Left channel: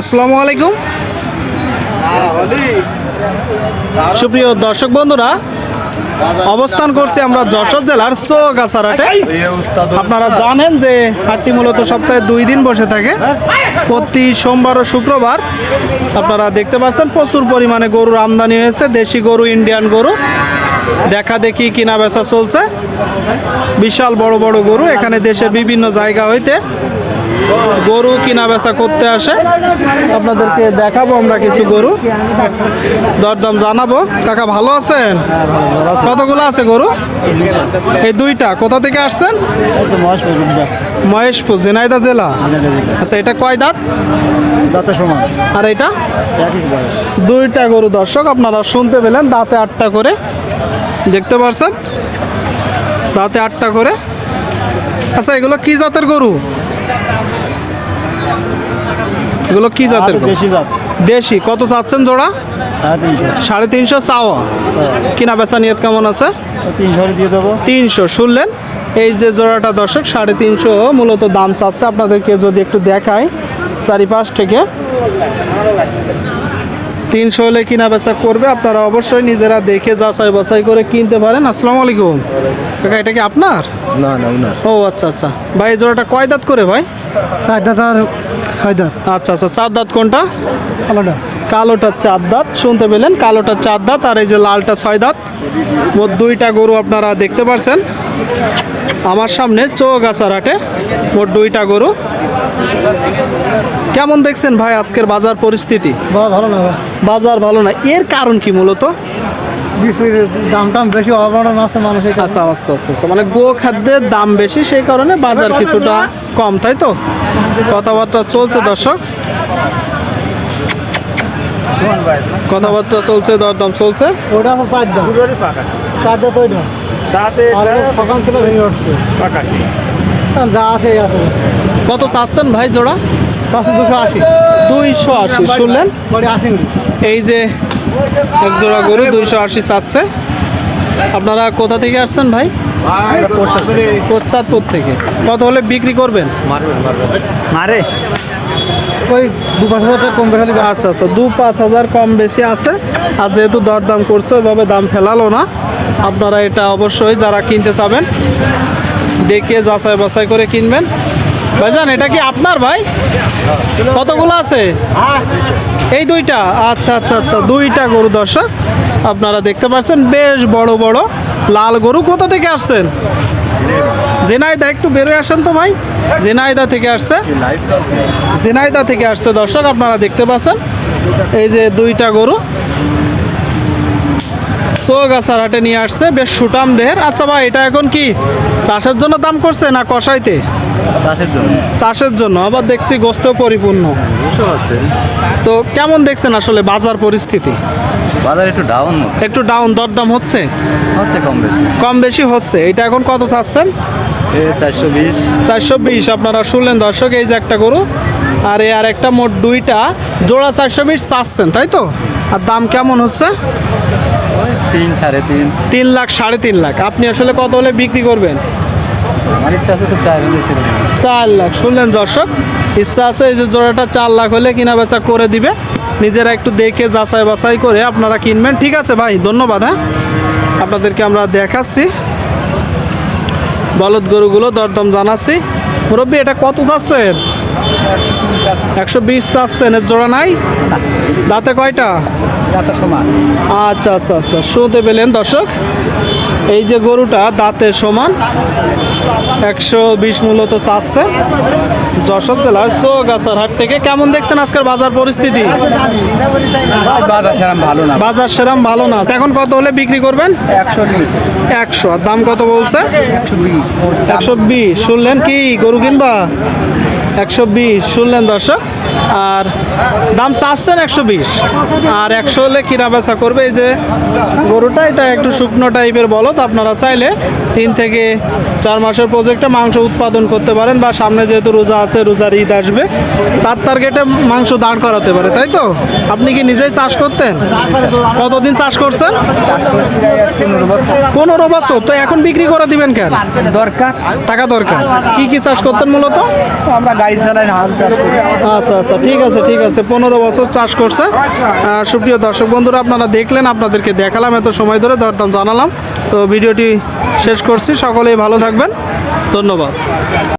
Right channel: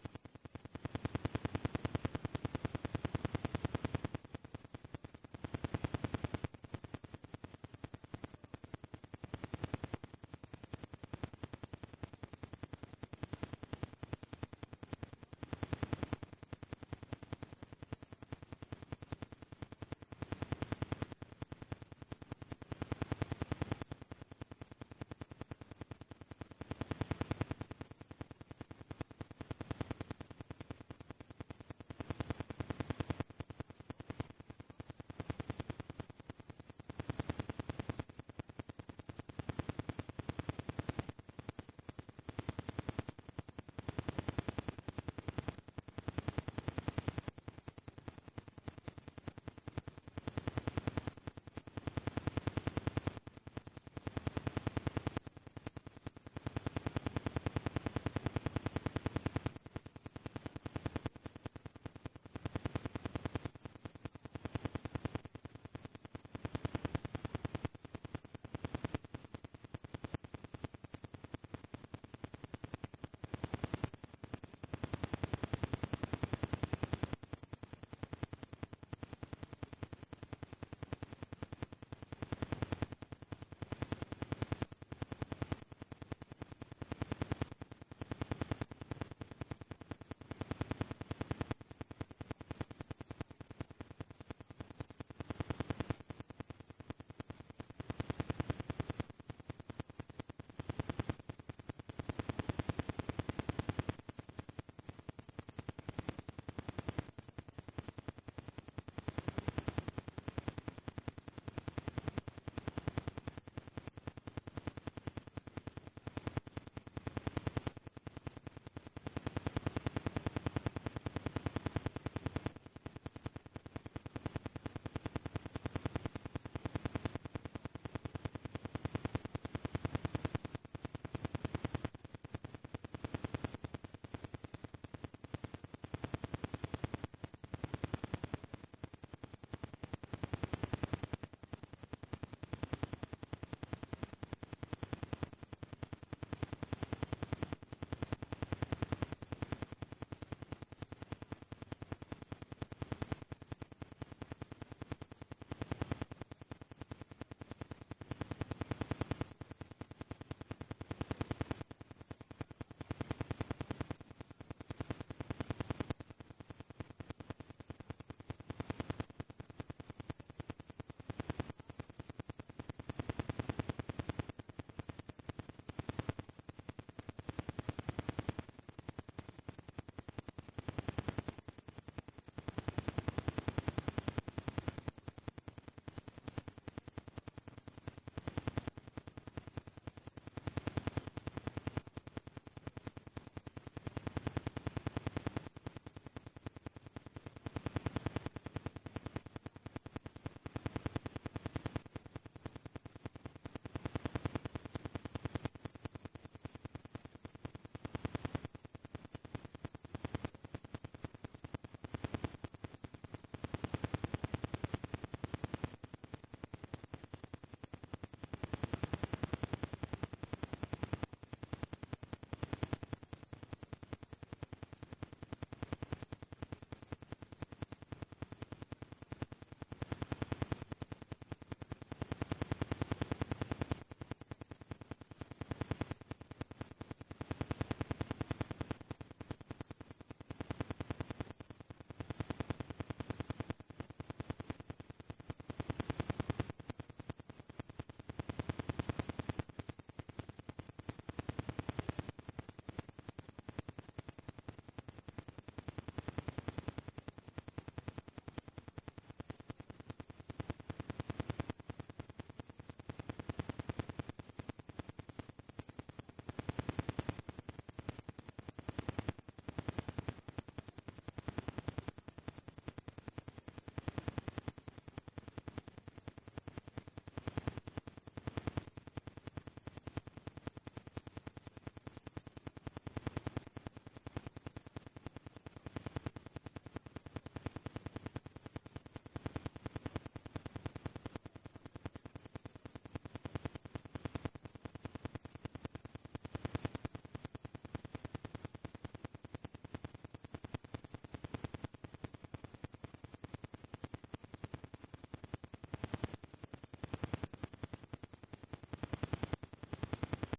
আসসালামু আলাইকুম। সুপ্রিয় দর্শক বন্ধুরা, অবস্থান করছি আমরা যশোর জেলার চৌগাছার হাটে। আপনারা জানেন যে হাটটি মূলত সপ্তাহে 2 দিন বসে থাকে, প্রতি সোমবার ও শুক্রবার। আপনারা দেখতে পাচ্ছেন প্রচুর পরিমাণে গরুর আমদানি হয়েছে, দেশি গরু, ইন্ডিয়ান গরু দেখা দেখি কিনা বেচা চলছে। বিশাল বড় বড় গরু এখানে দেশের বিভিন্ন জায়গা হইতে গরু কিনা বেচা করতে আসে। আপনাদেরকে দেখাবো আমরা কিছু গরু, দরদাম জানাবো। কাকা ভালো আছেন? কতগুলো আছে গরু? এই 2টা। কোথা থেকে আসছেন? মহেশপুর, ঝিনাইদহ জেলা। আচ্ছা, এটা কয় দাঁত? দাঁতের সমান। আর এটা? 2টা গরু দর্শক আপনারা শুনতে পেলেন, দাঁতে 8টা করে, দেখতে পাচ্ছেন দাঁতে 8টা করে। আচ্ছা, এগুলো কি জাতের গরু? এগুলো কি জাতের? দেশি জাত। দেশি। কত চাচ্ছেন জোড়া? 350 চাওয়া। কিনা বেচা নিয়ত কেমন আছে? 300 দিয়ে দেবো। 300 শুনলেন। এই যে জোড়াটা দর্শক 350 মূলত দাম চাচ্ছে। আপনাদেরকে যদি একটু দেখাই চারিপাশ থেকে, 300 হলে কিনা বেচা করবে। আপনারা অবশ্যই নিজেরা দেখে যাচাই বাছাই করে কিনতে পারেন। আসসালামু আলাইকুম কাকা, এটা কি আপনার? না না, ওনার। ও আচ্ছা আচ্ছা। ভাই এই জোড়াটা কয় দাঁত করে ভাই? 4 দাঁত আর 6 দাঁত। আচ্ছা আচ্ছা। 4 দাঁত কোনটা? আলাদা। কালোটা 4 দাঁত, শুনতে পেলেন, কালোটা 4 দাঁত আর এই যে লালটা 6 দাঁত। মোট 2টা গরু আপনারা দেখতে পাচ্ছেন আমার সামনে চৌগাছার হাটে। মোট 2টা গরু। কেমন দেখছেন ভাই আজকের বাজার পরিস্থিতি? ভালো না। বাজার ভালো না, এর কারণ কি মূলত? বিক্রির দাম বেশি, অবদান আছে মানুষের। আচ্ছা আচ্ছা আচ্ছা, মানে গো খাদ্যের দাম বেশি, সেই কারণে বাজার কিছুটা কম, তাই তো? কথাবার্তা চলছে দর্শক, কথাবার্তা চলছে, দরদাম চলছে। ওটা আছে 4 দাঁত। 4 দাঁত ওইটা। সকাল ছিল ভেঙে উঠছে। যা আছে এই আছে। কত চাচ্ছেন ভাই জোড়া? 280। 280 শুনলেন। 80। এই যে এক জোড়া গরু 280 চাচ্ছে। আপনারা কোথা থেকে আসছেন ভাই? কোচাতপুর থেকে। কত হলে বিক্রি করবেন? মারে ওই 2-5 কম বেশি। আচ্ছা আচ্ছা, 2-5 কম বেশি আছে। আর যেহেতু দরদাম করছে, ওইভাবে দাম ফেলালো না। আপনারা এটা অবশ্যই যারা কিনতে চাবেন দেখে যাচাই বাছাই করে কিনবেন। ভাইজান এটা কি আপনার ভাই? কতগুলো আছে? এই 2টা। আচ্ছা আচ্ছা আচ্ছা, 2টা গরু দর্শক আপনারা দেখতে পাচ্ছেন, বেশ বড় বড় লাল গরু। কোথা থেকে আসছেন? ঝিনাইদহ। একটু বেরোয় আসেন তো ভাই। ঝিনাইদহ থেকে আসছে, ঝিনাইদহ থেকে আসছে দর্শক আপনারা দেখতে পাচ্ছেন। এই যে 2টা গরু চৌগাছার হাটে নিয়ে আসছে, বেশ সুটাম দেহের। আচ্ছা ভাই, এটা এখন কি চাষের জন্য দাম করছে না কষাইতে? চাষের জন্য। চাষের জন্য। আবার দেখছি গোস্তেও পরিপূর্ণ আছে। তো কেমন দেখছেন আসলে বাজার পরিস্থিতি? বাজার একটু ডাউন। একটু ডাউন। দরদাম হচ্ছে কম বেশি। কম বেশি হচ্ছে। এটা এখন কত চাচ্ছেন? 420। 420 আপনারা শুনলেন দর্শক। এই যে একটা গরু আর এই আর একটা, মোট 2টা জোড়া 420 চাচ্ছেন, তাই তো? আর দাম কেমন হচ্ছে? 3, 3.5। 3 লাখ, 3.5 লাখ। আপনি আসলে কত হলে বিক্রি করবেন? আমার ইচ্ছা আছে তো 4 লাখ। শুনলেন দর্শক, ইচ্ছা আছে এই যে জোড়াটা 4 লাখ হলে কিনা বেচা করে দিবে। নিজেরা একটু দেখে যাচাই বাছাই করে আপনারা কিনবেন। ঠিক আছে ভাই, ধন্যবাদ। হ্যাঁ, আপনাদেরকে আমরা দেখাচ্ছি বলদ গরুগুলো, দরদাম জানাচ্ছি। মুরব্বী এটা কত চাচ্ছেন? 120 চাচ্ছেন। এর জোড়া নাই? দাঁতে কয়টা? দাঁতের সমান। আচ্ছা আচ্ছা আচ্ছা, শুনতে পেলেন দর্শক, এই যে গরুটা দাঁতে সমান 120 মূলত চাচ্ছে যশোর জেলার চৌগাছার হাট থেকে। কেমন দেখছেন আজকের বাজার পরিস্থিতি? বাজার সেরকম ভালো না। বাজার সেরকম ভালো না। এখন কত হলে বিক্রি করবেন? 100। আর দাম কত বলছে? 120। শুনলেন কি গরু কিনবা? 120 শুনলেন দর্শক। আর দাম চাচ্ছেন 120, আর 100 হলে কিনা বেচা করবে। এই যে গরুটা, এটা একটু শুকনো টাইপের বলদ। আপনারা চাইলে 3 থেকে 4 মাসের প্রজেক্টে মাংস উৎপাদন করতে পারেন, বা সামনে যেহেতু রোজা আছে, রোজার ঈদ আসবে, তার টার্গেটে মাংস দাঁড় করাতে পারে, তাই তো? আপনি কি নিজেই চাষ করতেন? কতদিন চাষ করছেন? 15 বছর। তো এখন বিক্রি করে দিবেন কেন? দরকার, টাকা দরকার। কি কি চাষ করতেন মূলত? আমরা গাড়ি চালাই না, হাল চাষ করি। আচ্ছা আচ্ছা, ঠিক আছে ঠিক আছে। 15 বছর চাষ করছে। সুপ্রিয় দর্শক বন্ধুরা, আপনারা দেখলেন, আপনাদেরকে দেখালাম, এত সময় ধরে দরদাম জানালাম। তো ভিডিওটি শেষ করছি। সকলেই ভালো থাকবেন, ধন্যবাদ।